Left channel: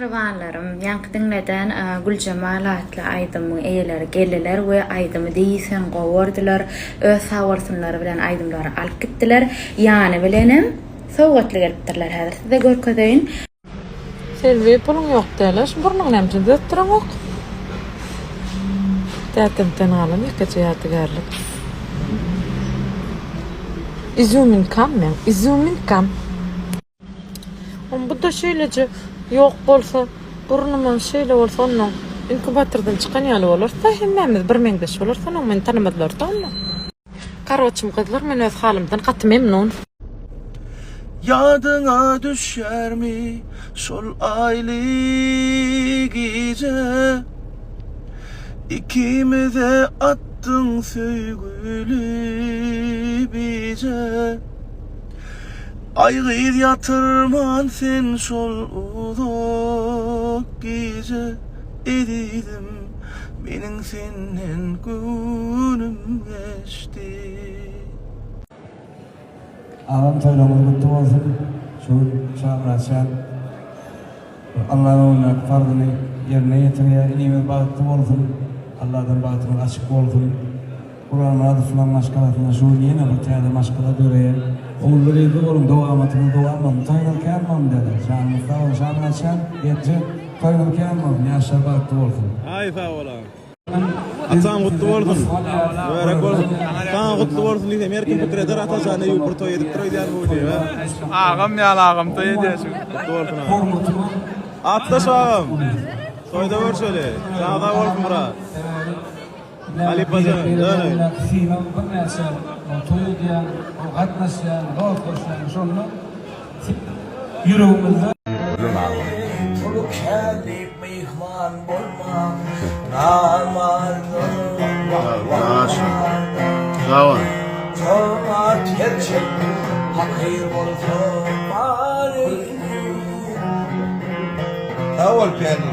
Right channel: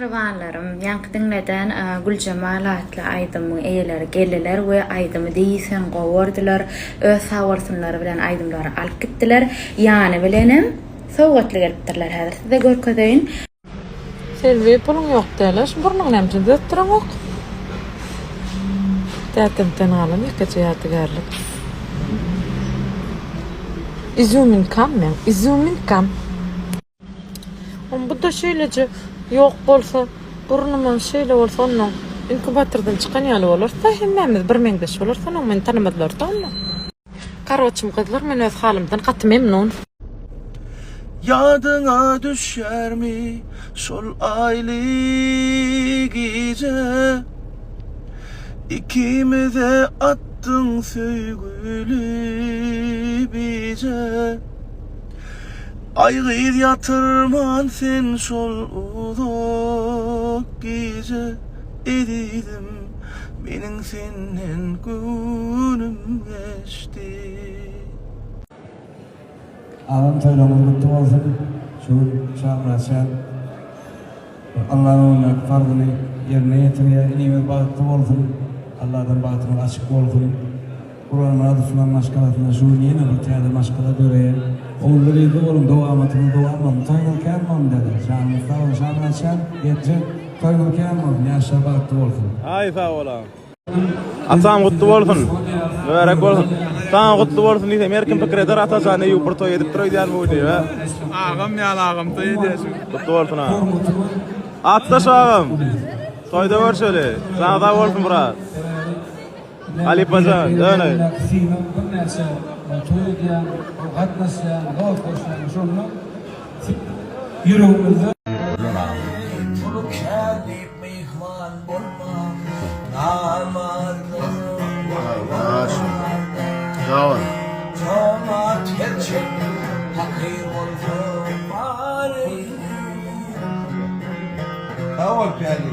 Mihribanlarım, yankı dinleden Gülcemal atlı aydymyň eýeleri geldiler we aydymy diýsen gowurdylar, öz hawarsynlary bilen aydymlary alyp gitdiler. Ýany bilenim sowgatly gelipdirler häzir. Size görkedeýin. Selvi pulun ýok däler, burnuň näme döttüräňok. Tätemden alam ýekeje ýatygarlyk. Izumin kam. Bu da şeýleje ýok bolsa, burnumyň şeýle bolsa onuň inkubatordan çykan ýaly bolarsa, hemmemiz bir meňdeş bolarsa, onuň meni tanymadylar da onu. Garwaçym gyzlar, men öz halymdan gaty memnun. Yadına düşer mi şol ayly gece, ikimize attın söýgüli bize. Aýgyr yatırman sen şol uzak gece, edidim meniň senden günüm geçti. Alam toylamız kutlu olsun. Şu şahraşan Allah'ın farzını yerine getiriyor. İnimiz bağıtlı olsun. Allah'tan bağıtlı açık olsun. Kur'an'ın adı sunan maşkalatına şu yeni bir tane maşkala döreye. Oğulları yedi olun doğamatını doğamam. Toynul kelmam dedi. Şahımızda şahraşan yetce toynul kelmam. Yaşa bağıtlı olsun. Ay sağ olam. Asam kutlu bolsun. Berek bolsun. Sağ kutlu bolsun diýse merkim pikir eder ataşany ýupur toý edip durýan bu diýe. Agam ýaly agam toý edýär. Kutlu bolsun. Ataş agam. Toýda görşeli. Sağ da bolsun Murat. Ali Paşa, öyle. Sinam birnäçe toý edýän, gatnaşýan, dost bolşan şonu ýüregimizde Tolu kelip mihman bolma, namardın. Sağ ol. Tomat gerçek, hakir bolsun bari. Sağ ol piyani.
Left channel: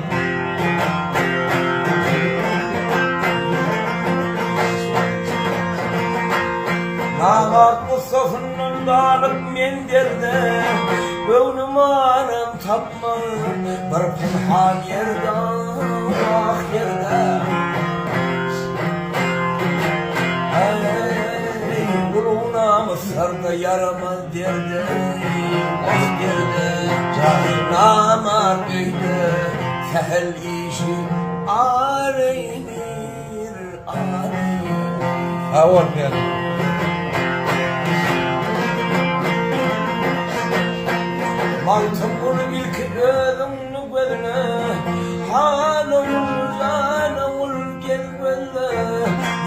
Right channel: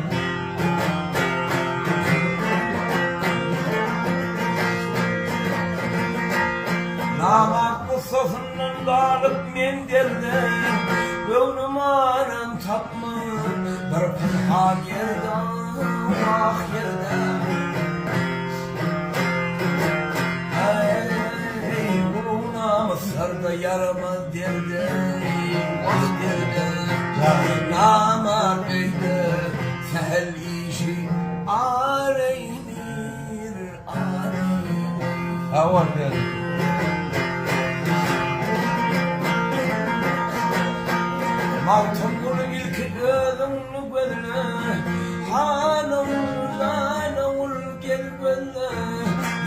Namart Mustafa'nın dalıp men derdim, göwnüm anam tapma, bir pinhan yerde, ah yerde. Ey, guluna Mısır'da yaramaz derdim, ah derdim. Namart öydü, sehel işi, areynir, areynir. Aval piyani. Maltım bunu ilk özümlü gözüne, hanım zanavul gel gözle,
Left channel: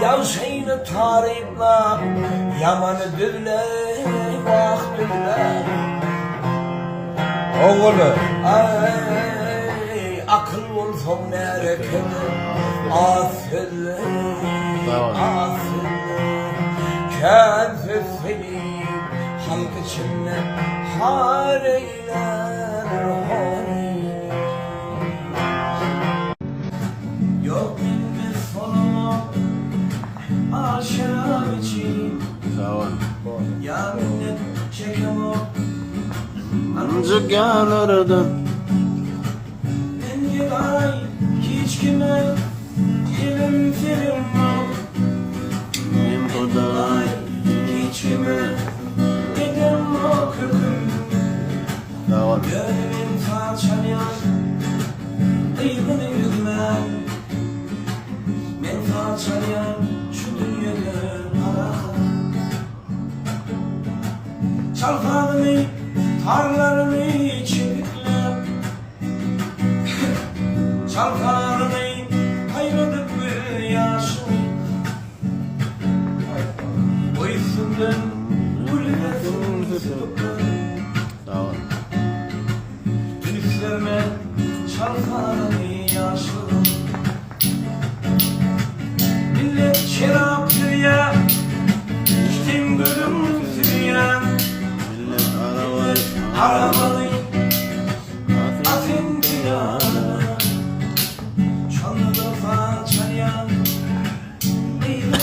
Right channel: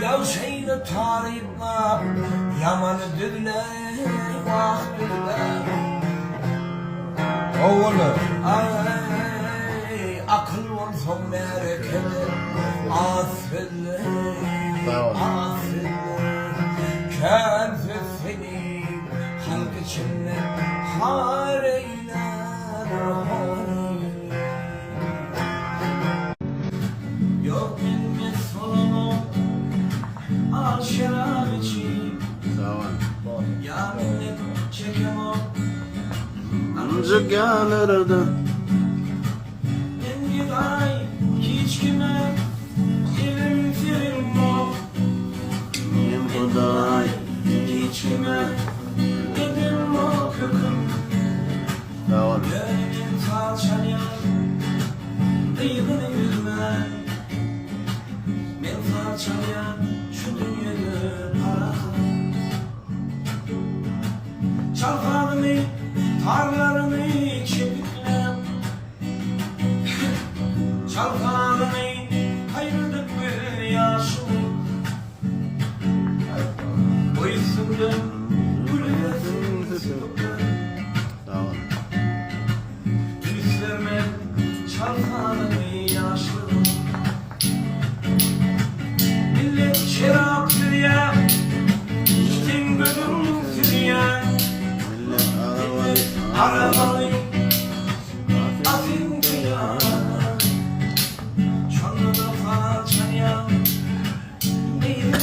yavşayını tariflap, yamanı düzle, vah düzle. Oğlu, ay, akıl olsa merekede, afille, afille, kârfe seni, halk içinde, hareyler hani. Yok minnet solama, al şerab için. Sağ ol. Ya minnet çekemem. Ancak yanarda. Ben giday hiç kime elim filim yok. Men huday. Hiç kime elim yok hüküm. Sağ ol. Gönlümün falçalayan kıydını yüzmen. Men falçalayan şu dünyada para. Çalkanımı, tarlarımı çeviklem. Çalkanımı kaynadık bir yaşım. O isimden gülünesin sıkıntı. Sağ ol. Üstlerime çalkanımı yaşlı. Millet şerap sürüyen, sen gülüm sürüyen. Millet arabalı. Arabalı, afinti yana. Çanlıda falçalayan, neydi